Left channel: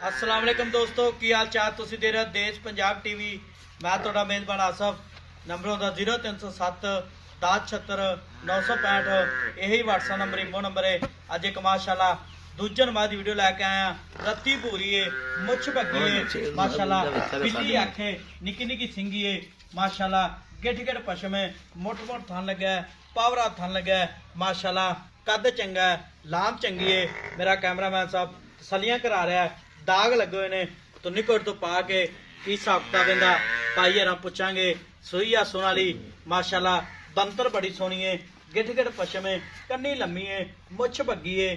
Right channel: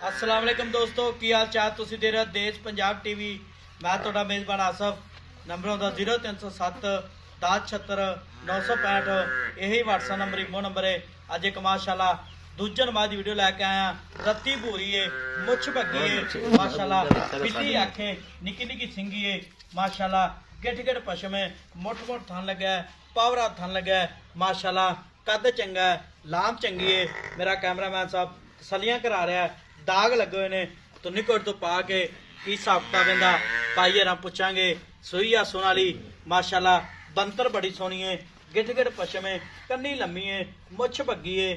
अस्सलाम वालेकुम दोस्तों, की हाल चाल? तुसीं देख रहे हो देश पंजाब टीवी। मैं तुहाडा मेज़बान आसफ। नंबर होंदा 0307 1076 965। यही व्हाट्सएप नंबर इमो नंबर है। अज एक माशाल्लाह दूजे नंबर की वीडियो लैके आया। रत्ती पूरी है, मुछ भगी है माशाल्लाह, बिल्ली अख है, निक्की निक्की सिंगी है माशाल्लाह, गिट गिट पशम है, मुठ मुठ थन लगा है, पावरा थन लगा है माशाल्लाह, कद चंगा है, लाम चंगी है। मेरा कैमरामैन साहब तसलियां करा रहा है। दाग लगे हुए ने तो निकट तो पा के की साबका कहता पाई हर पुछांगे। सुई आ सोनाली माशाल्लाह, बंतर बड़ी सोहनी है, गिट गिट पशम है, कन्नी लम्मी है, मुछ भगी है,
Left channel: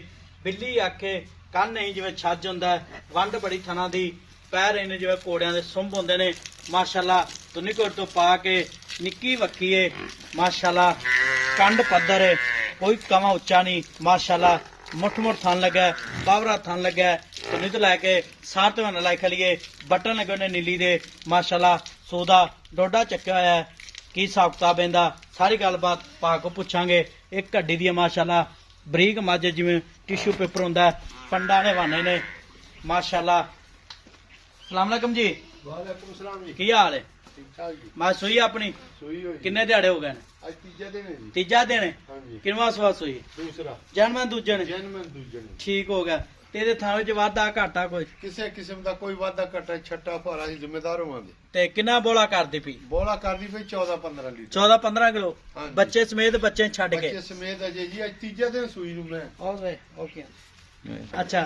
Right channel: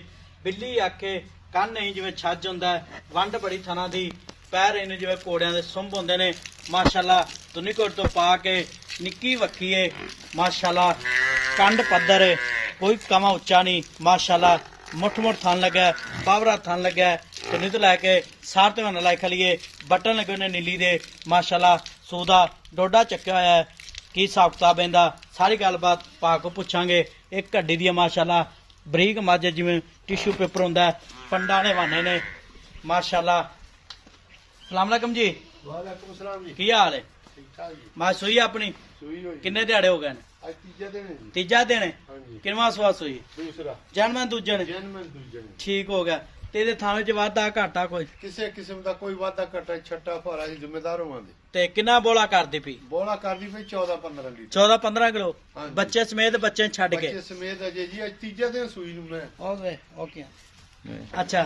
बिल्ली अख है, कन नहीं जिवें छज हुंदा है, वंड बड़ी थना दी, पैर इन्हें जिवें घोड़ियां दे सुंभ हुंदे ने माशाल्लाह। तो निकट तो पा के निक्की वक्खी है माशाल्लाह, कंड पद्धर है, कोई कमा उच्चा नहीं माशाल्लाह, मुठ मुठ थन लगा है, पावरा थन लगा है। तो नित लैके सार तो लाई खलीए, बटन लगे ने नीली दे माशाल्लाह, सूदा डोडा चक्या होया है। की हिसाब किताब इहदा सारी गलबात भा को पुछांगे। एक हड्डी दी माशाल्लाह बरीक मझ जिवें टिश्यू पेपर हुंदा है, पंडा दे हवाने ने माशाल्लाह। सलाम अलैकुम जी। वालेकुम सलाम जी। की हाल है? ठीक ठाक जी। मैं सुई अपनी सुई होई किन्ने दिहाड़े हो गए? आज तीजा दिन है जी। तीजा दिन है। हाँ जी। किनवा सवा सुई? दूसरा जन्म दूजे ने? जन्म दूजे ने। ठीक हो गया। तेरे थाने च वाधा घाटा कोई? ਕਿਸੇ ਕਿਸਮ ਦਾ ਕੋਈ ਵਾਧਾ ਘਟਾ ਛੱਟਾ ਭਾਰਾ ਦੀ ਜ਼ਿੰਮੇਦਾਰ ਹੋਵਾਂਗੇ। ते किन्ना बोला करदी पी? ਬੋਲਾ ਕਰਦੀ ਕੋਈ 14-15 ਲੀਟਰ। 14-15 किलो हाँ जी। बच्चे समेत बच्चे छड़ के? ਬੱਚੇ ਸਮੇਤ ਅਜੇ ਜੀ ਅੱਜ ਤੀਜਾ ਦਿਨ ਸੂਈ ਨੂੰ ਮੈਂ। ओके ओके अच्छा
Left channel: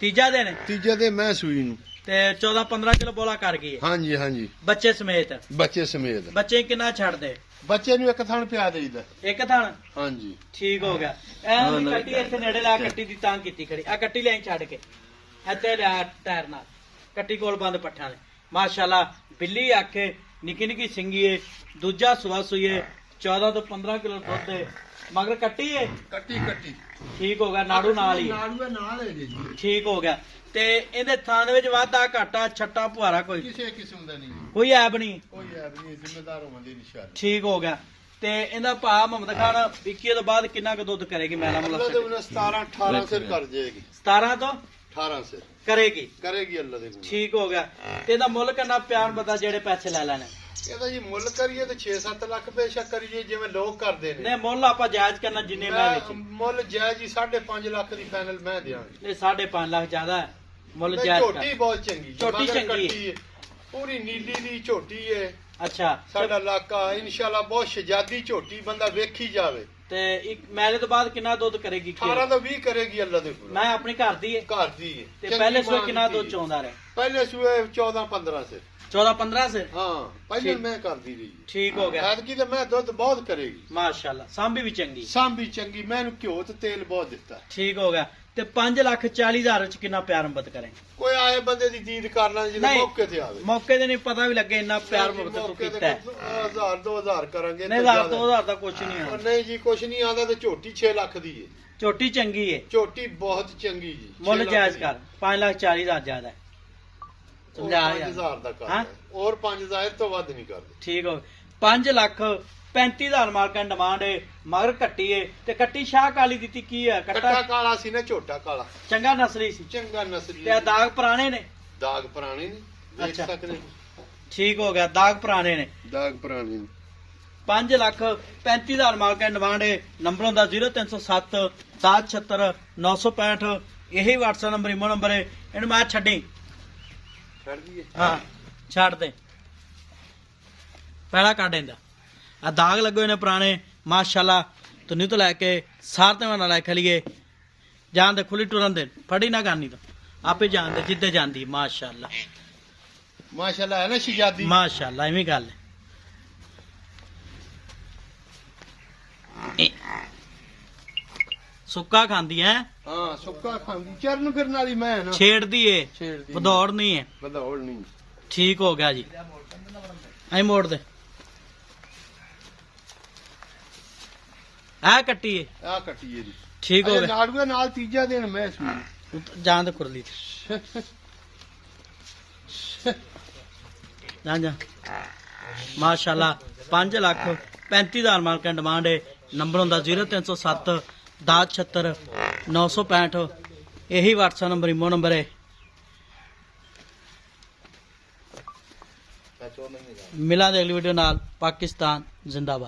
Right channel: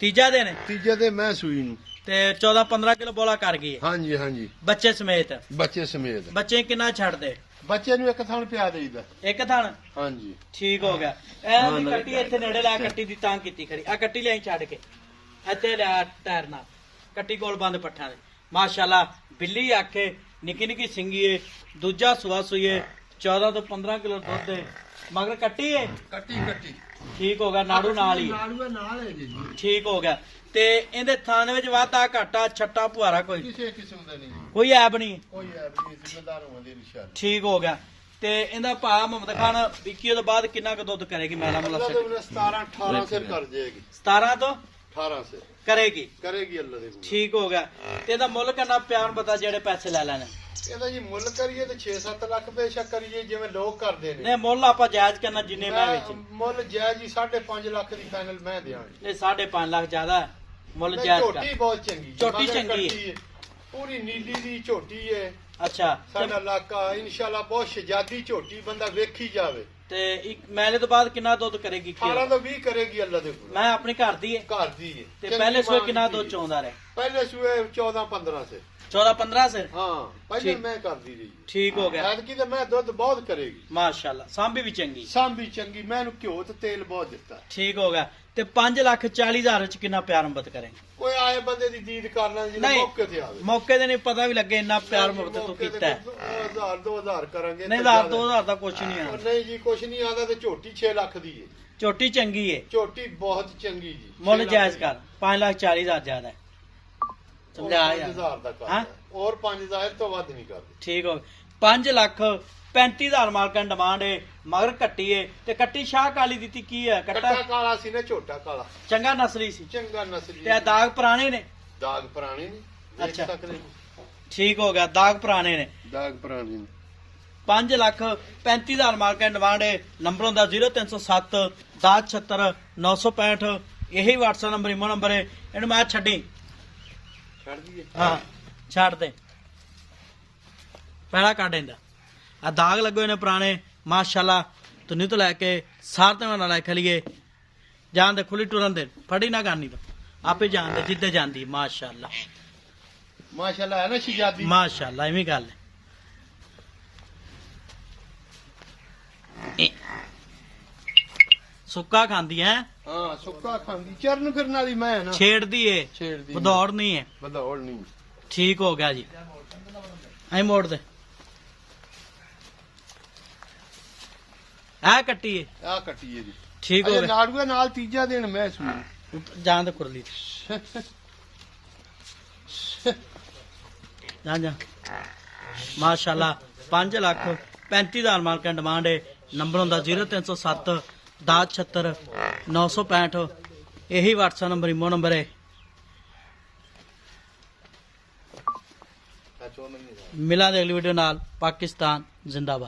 तीजा दिन है ਤੀਜੇ ਦਿਨ ਮੈਂ ਸੂਈ ਨੂੰ। ते 14-15 किलो बोला कर गई है ਹਾਂਜੀ ਹਾਂਜੀ। बच्चे समेत? ਬੱਚੇ ਸਮੇਤ। बच्चे किन्ना छड़ दे? ਬੱਚੇ ਨੂੰ ਇੱਕ ਥਣ ਪਿਆ ਦੇਈਦਾ। एक थान? ਹਾਂਜੀ। ठीक हो गया। ऐ कट्टी इत्थे नेड़े ला कट्टी दी तां कीती खड़ी आ कट्टी ले छड़ के इत्थे ला टायर नाल कट्टी कोल बंद पट्ठा दे माशाल्लाह। बिल्ली आखे निक्की निक्की सिंगी है, दूजा सुआ सुई है, 14 तो 15 किलो दुध है, मगर कट्टी है। ਕੱਟੀ ਕੱਟੀ। ठीक हो गया, नाड़ू नाल ही ਨਾੜੂ ਨਾਲ ਹੈ ਜੀ। ठीक हो गया। ते इहदे थान विच वाधा घाटा छट्टा पुआरा कोई ਕਿਸੇ ਕਿਸਮ ਦਾ ਨਹੀਂ कोई ऐब नहीं? ਕੋਈ ਐਬ ਨਹੀਂ, ਜ਼ਿੰਮੇਦਾਰ ਹੋਵਾਂਗੇ ਇਨਸ਼ਾਅੱਲਾ। ठीक हो गया। ते इहदा भा मुहम्मद खान विकी तो बाद किन्ना क दुध करेगी? मेरा अल्लाह मतलब दे उन्हें 17-18 से कर जाएगी। 17 तो 18 से करेगी। करेगी अल्लाह दे हुक्म। ठीक हो गया। ते इहदा मुੱਲ किन्ना प्यार पता जेड़े पैसे ले लेने? ਇਹਦਾ ਜੀ ਮੁੱਲ ਕਰੀਏ ਤੇ 6-7 ਲੱਖ ਬੇਸ਼ੱਕ ਕਰੀਏ ਜਿਵੇਂ ਲੋਕ ਕਰਦੇ ਨੇ। नहीं मुੱਲ ਆਪਾਂ ਜਾਇਜ਼ करना जिन्ने मैं विच ਮੁੱਲ ਜਾਇਜ਼ ਜੀ 5.5 ਲੱਖ ਦੀ ਫਾਈਨਲ ਮੈਂ ਦਿਆਂਗੇ। नहीं 5.5 लाख ज्यादा है मुੱਲ ਨਹੀਂ, जायਜ਼ ਝੋਟੀ कर। ਬਹੁਤ ਚੰਗੀ ਜੀ, ਝੋਟੀ ਮਗਰ ਚੰਗੀ ਕੱਟੀ ਹੈ, ਪੂਰੀ ਨੀਲੀ ਦੀ ਝੋਟੀ ਹੈ। अच्छा ਸਾਡਾ ਇਲਾਕਾ ਇਨਸ਼ਾਅੱਲਾ ਬਹੁਤ ਸ਼ਜਾਦੀ ਝੋਟੀ, ਬੰਦਾ ਵੇਖੀ ਜਾਵੇ। ते एक मेले तो बाद किन्ना दुध करेगी? 18 ਤੋਂ 20 ਕਰੇਗੀ ਅੱਲਾਹ ਦੇ ਹੁਕਮ। मैं अपने घर दी है ਘਰ ਦੀ ਹੈ। ते ਚੰਗੀ पहले सुबह ਮਾਂ किन्ना ਦੀ दुध ਹੈ। चोंदा रहे? ਪਹਿਲੇ ਸੂਏ 14-15 से। 14-15 से? ਹਾਂ ਪਹਿਲੇ ਠੀਕ। ਮੈਂ ਕਰਦੀ ਰਹੀ। ठीक हो गया ਐਤਕੀ ਤੇ ਮੈਂ ਦੁੱਧ ਬਹੁਤ ਕਰੇਗੀ। माशाल्लाह। सांभी भी चंगी। ਸਾਂਭੀ ਚੰਗੀ, ਮੈਂ ਇਹਨੂੰ ਘਿਓ ਤੇ ਤੇਲ ਬਹੁਤ ਦਿੱਤਾ। ठीक हो गया। ते 5,40,000 च किन्ना प्यार मुहब्बत करेंगे? ਕੋਈ ਆਏ ਬੰਦੇ ਦੀ ਦੀਦ ਕਰਨਾ ਜਿਹਦੇ ਨਹੀਂ। ਮੌਕੇ ਤੇ ਆਵੇ। मौके ते नहीं पता भी लगे इन्ना प्यार मुहब्बत तू ਮੌਕੇ कीता है। ਤੇ 1000-2000 ਕਰਾਂਗੇ। नहीं 1,000-2,000 का कुछ नहीं ਉਹ है। ਨਹੀਂ ਜੀ ਕੁਛ ਨਹੀਂ ਆਉਂਦਾ ਤੇ ਝੋਟੀ 6 ਲੱਖ ਦੀ ਹੈ। चोटी चंगी है, ਝੋਟੀ ਬਹੁਤ ਚੰਗੀ ਜੀ। मुल 6 जायज ਲੱਖ कर। 5,40,000 ज्यादा है। ਦੀ। समझा और यार? 5000 ਦਾ ਕਰ। हाँ? और 5000 ਤੋਂ ਵੱਧ ਨਹੀਂ ਕਰਦੇ। ठीक हो 5,35,000 मालकां डिमांड है, मगर कट्टी है ते कट्टी शाह काली दी की है? ਕੱਟਾ कट्टा ਕਾਲਾ ਸੀ ਨਾ, ਝੋਟਾ ਕਾਲਾ चंगा नस्ली सी ਚੰਗਾ ਨਸਲੀ। ते दाग पुराने ने? ਦਾਗ ਪੁਰਾਣੇ ਨੇ, ਵੇਖ ਅੱਛਾ। ਸਕਦੇ ਨੇ। ठीक हो गया, दाग पुराने ने। ਦਾਗ ਪੁਰਾਣੇ ਨੇ। 5,35,000 मालकां डिमांड है। नंबर होंदा 0307 1076 965। यही व्हाट्सएप नंबर इमो नंबर है। इन्हें मैं छड्डी ਛੱਡ ਦਈਏ। हाँ छड़ दे पहला काट इंदा आ दाग लगे हुए ने पुराने माशाल्लाह। तो नहीं तो लैके सार ते ना लै खलीए जान दे, खुली टुरन दे, फड़ी ना करनी तो आपे जान दे जिद्दे जांदी माशाल्लाह। ਮਾਸ਼ਾਅੱਲਾ ਹੈ ਨਾ ਸ਼ਜਾਦੀ। माशाल्लाह इवें गल है। सुक्का खांदी है, ਹਾਂ ਸੁੱਕਾ ਖਾਂਦੀ, ਚਰਨ ਫਿਰਨ ਵਾਲੀ ਮੈਂ ਹੈ ਨਾ। छेड़दी है, ਛੇੜਦੀ बदौड़ नहीं है। ਵਧੌੜ ਨਹੀਂ। ठीक हो गया जी। आई मोड़ दे आ कट्टी है। ਆ ਕੱਟੀ ਹੈ ਜੀ। ठीक हो ਅਜੇ गया। ਨਾੜੂਏ ਨਾਲ ਤੀਜਾ ਦਿਨ ਮੈਂ ਸੂਈ। जान दे खुरली जान जा माशाल्लाह। 5,35,000 मालकां डिमांड है। नंबर होंदा 0307 1076 965। यही व्हाट्सएप नंबर इमो नंबर है। ਸੱਚ ਉਹ ਨਹੀਂ ਹੈਗਾ। ਮਿਲਾਂਗੇ ਅਗਲੀ ਵੀਡੀਓ ਨਾਲ। ਪਾਕਿਸਤਾਨ ਜ਼ਿੰਦਾਬਾਦ।